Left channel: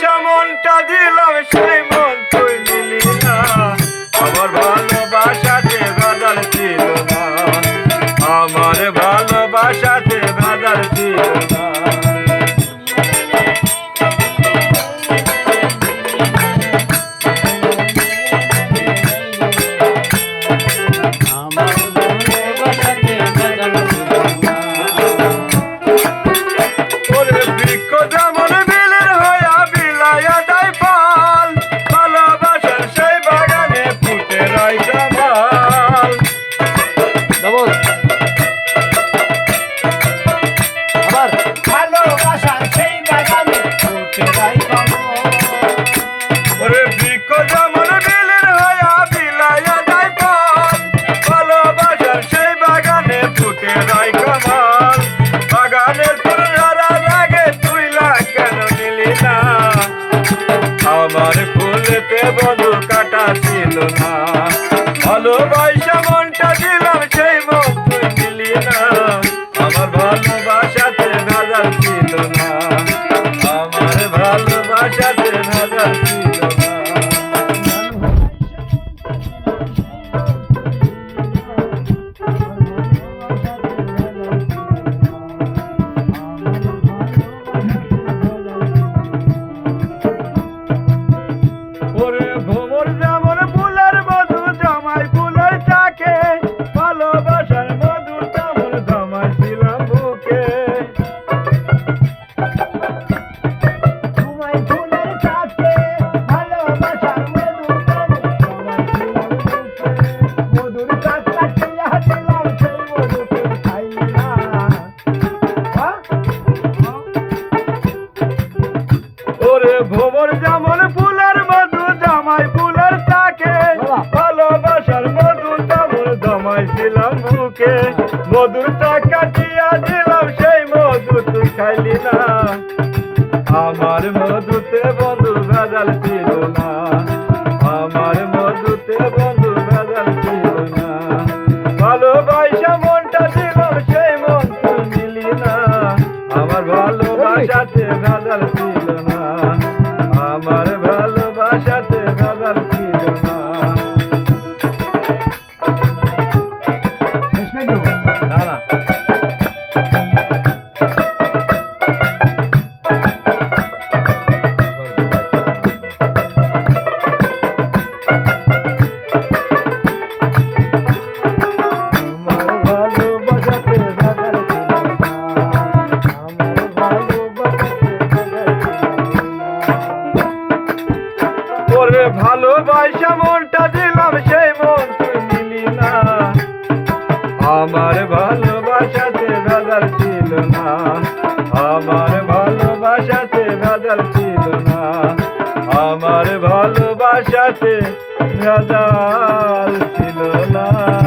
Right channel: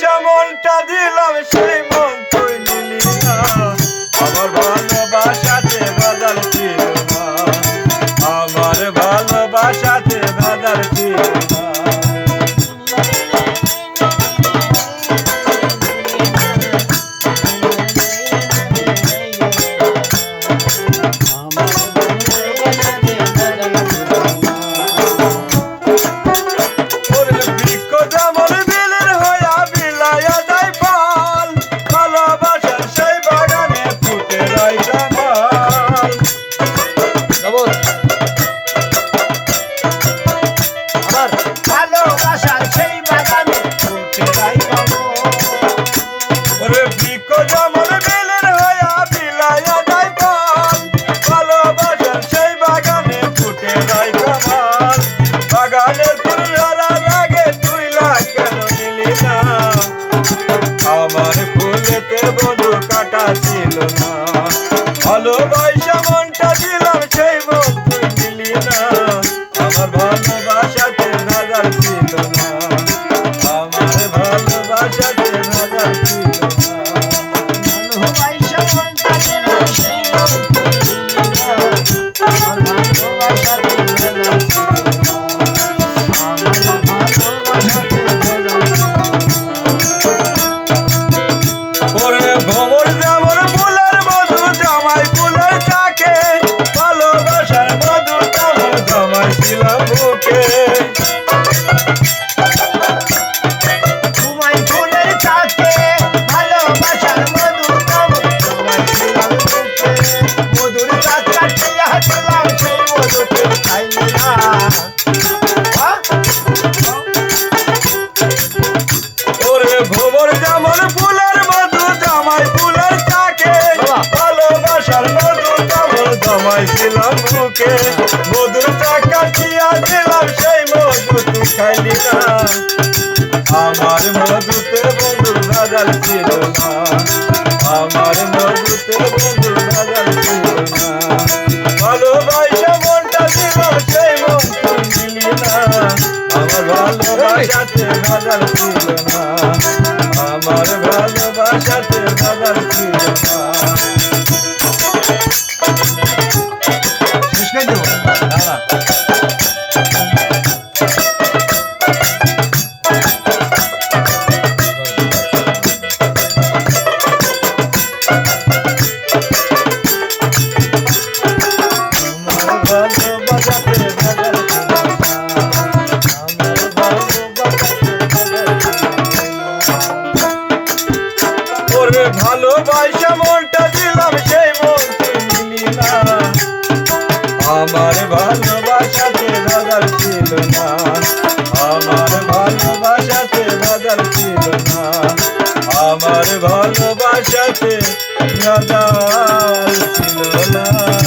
ভালোবাসা মনটা দিলাম সেই মন তুই নিলি না আমার ভালোবাসাতে বাদাল ছিল না আমার ভালোবাসাতে বাদাল ছিল না আমার ফুলেতে বধু কাটা ছিল না ভালোবাসা মনটা দিলাম সেই মন তুই দিলি না আমার ভালোবাসাতে ভেজাল ছিল না আমার ভালোবাসাতে ভেজাল ছিল না ভোমর যেমন ফুলের মধু জামাই ফুলের চাকে ভালোবাসার মধু তেমন জমাইছিলাম বুকে মধুর চাকা দিয়া দিলাম সেই মধু তুই খাইলি না আমার মধুতে বন্ধুর ভেজাল ছিল না আমার মধুতে বন্ধুর ভেজাল ছিল না ভালোবাসা মনটা দিলাম সেই মন তুই নিলি না আমার ভালোবাসাতে ভেজাল ছিল না আমার ভালোবাসাতে ভেজাল ছিল না ভালোবাসা মনটা দিলাম সেই মন তুই নিলি না আমার ভালোবাসাতে ভেজাল ছিল না আমার ভালোবাসাতে ভেজাল ছিল না আমার ভালোবাসাতে ভেজাল ছিল না।